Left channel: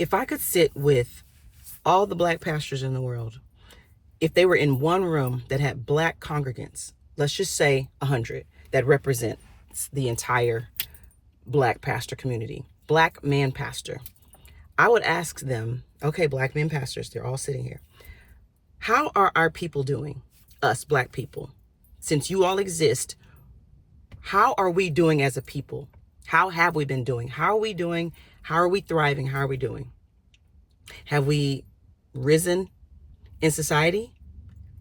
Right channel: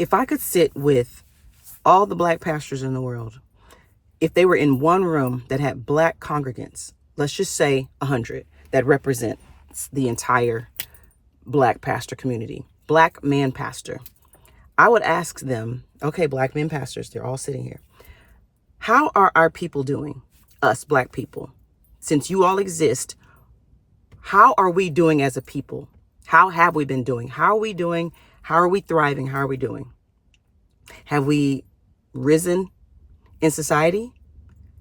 If I could sit with all the black pastors in the world, if they were in one room that had black congregants, let's just say 100, that represents the entire black pastor community, black man pastor, I would ask them, okay, black men pastors, they're all sitting here. How are our people doing? Us black people. Since you all exist, how are we doing as a people? How have we been doing? How are we doing? How are we thriving? How are we doing? Have we risen in society?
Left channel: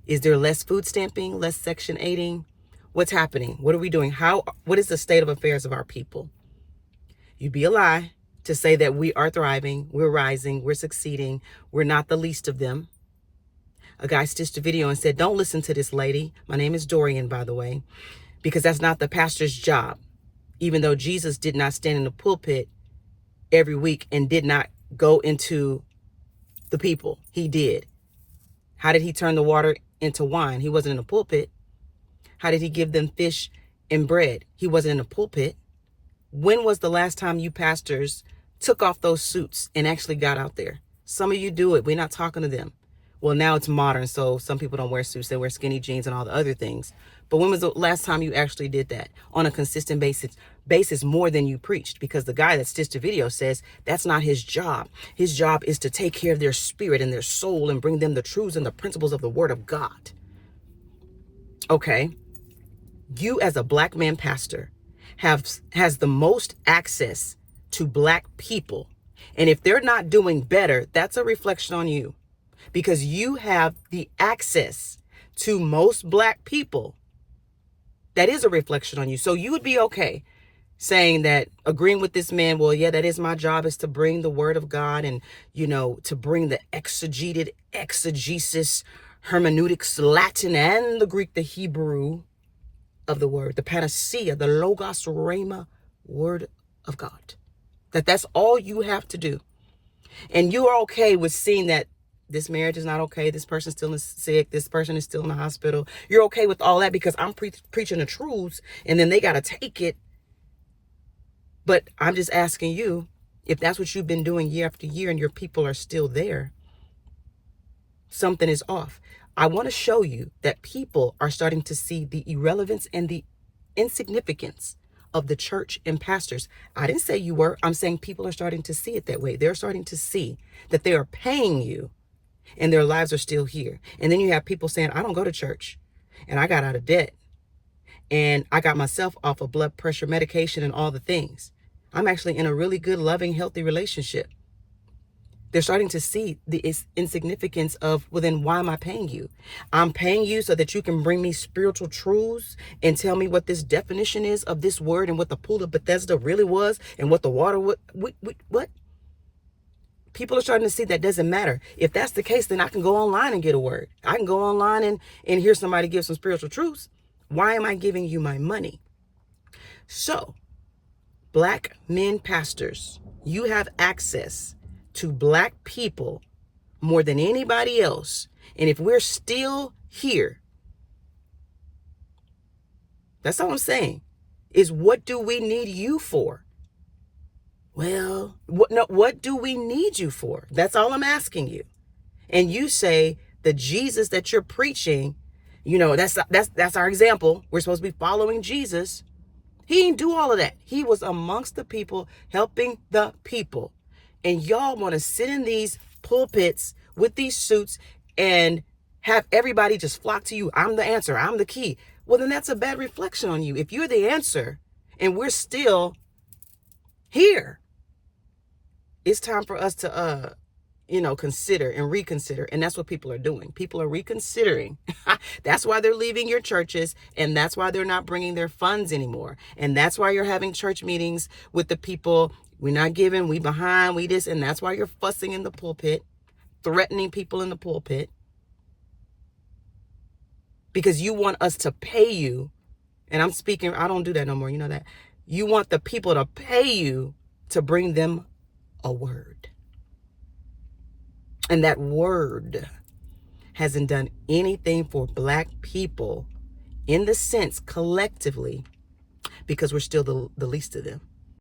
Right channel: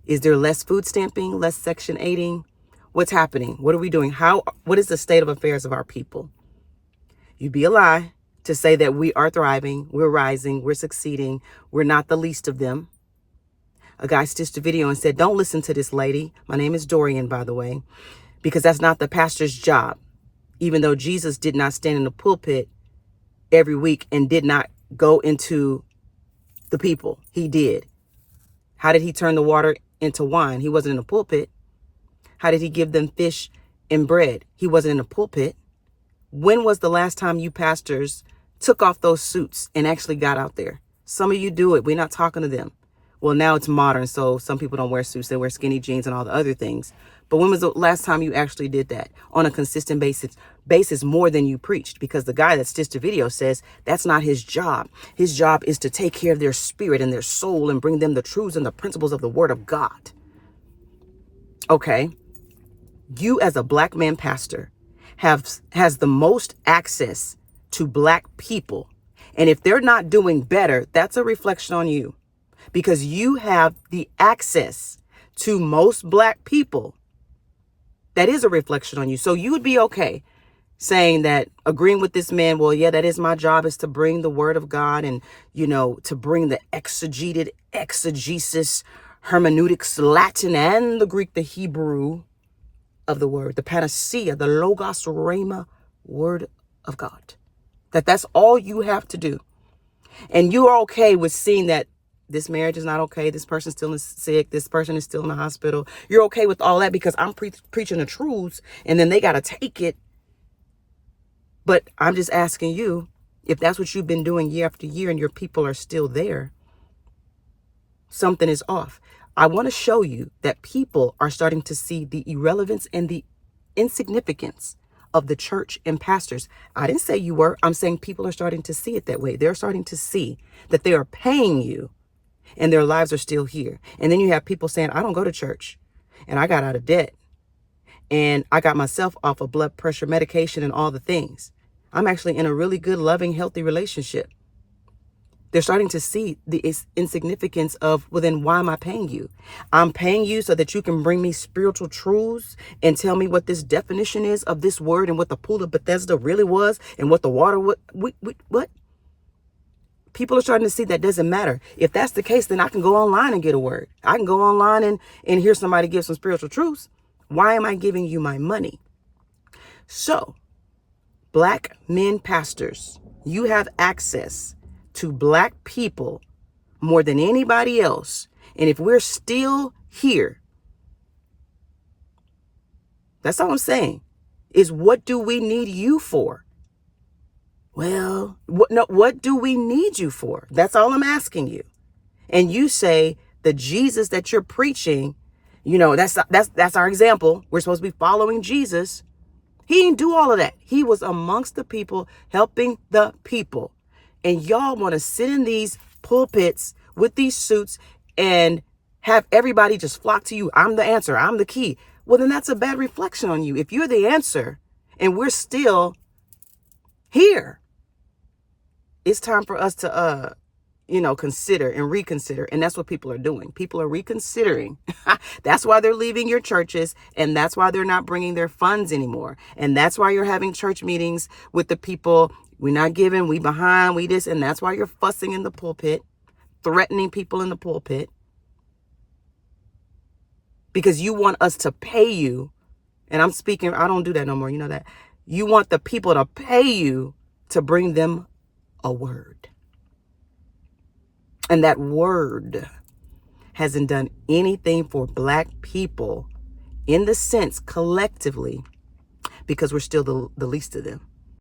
Is there less food stamping, less Section 8ing? What's happening? What are we doing? What is the state of affairs of our people? You'd be a lie to say that we are thriving, we're rising, we're succeeding, we're not the least of them. A guy stitched a video and said, don't listen to this lady. My name is Dorian, by the way, because that's not the pastor's job. Even though Jesus did not stand in the pulpit every week and did not go into the people, he did. How did he turn the water into wine? He wasn't in the pulpit. How did he give them fish and bread? He wasn't in the pulpit. When was the last time you pastors took off those suits and actually got out there? Some of you do it. We're not talking to them. Well, now it's modern, so some people don't wear suits. They wear skinny jeans and all the other things. But when was the last time you actually did that on a consistent basis more than you preached? Because the guy that stitched the video says that's not his job. His job is to take care of their spirit and their soul and bring them the truths and the principles of the word of God. Okay. You as a black man pastor has the most access to black people. And if they're not doing better, that's a reflection on you. Because you have the access to most black people. That is a reflection on you. So you would be okay saying that, agreeing with this man, well, yeah, that is my job, is to bring the word of God and, to bring the exegesis, hermeneutics, Latin and the Greek, the Hebrew of the word, the panacea, the logos rhema word of God. That's all you have to do. And you are okay with seeing that this marriage is not okay. This person's still sick. This person is still in the hospital. You're okay with all that because I'm preaching the truths and then they got to take it. But I'm just asking you, if that's what you've been doing year after year and your people are still there, something is off. I want to show you that people are starting to see the irrelevance and the insignificance of the church and pastors. I didn't say you were. I'm saying people are starting to see it that way. They're starting to see that they are paying you and their lives are still here. And then you have people saying, I don't go to church and I got out of debt and I got myself off of blood pressure medication and all the things. I'm actually in a really good, loving, healthy relationship. They're starting to see the insignificance of, well, then why am I paying you? I'm paying you so that you can bring me spiritual truths and tell me what this definition is of this word and what the pool of Bethesda really was and what the water, what? People are starting to see that doesn't matter. If that's the case, then I can go online and get a word. I can go online and hear somebody give some spiritual truths. Why am I giving you my money? So, black men pastors, you have access to black people more than anybody else. And if we're still here, that's all I'm saying, is what do we need you for? Well, what do we need you for? That's all I'm asking you. And you say the Jesus that you're preaching, that's our example. We're supposed to be following Jesus. He didn't do all of that. He was amongst the people, helping the people. And y'all want to sit in these pulpits with these suits and have everybody just flock to you. I'm the answer. I'm the key. Well, then that's a bad reflection on you. If you're the answer and we're still here, it's time for us to, consider and reconsider. And that's what people are doing. People are reconsidering. That's why they're leaving your churches. And that's why they're not bringing their funds anymore. And that's why you're having church meetings with the people. We're not giving, we behind, we this. And that's why you're fussing in the pulpit, threatening people in the pulpit. Because you want us to pay you. And I'm speaking, I don't do that no more. You know that. You want the people to pay you to bring them a word. And that word hasn't done anything for black people in the sense collectively because we're still the least of them.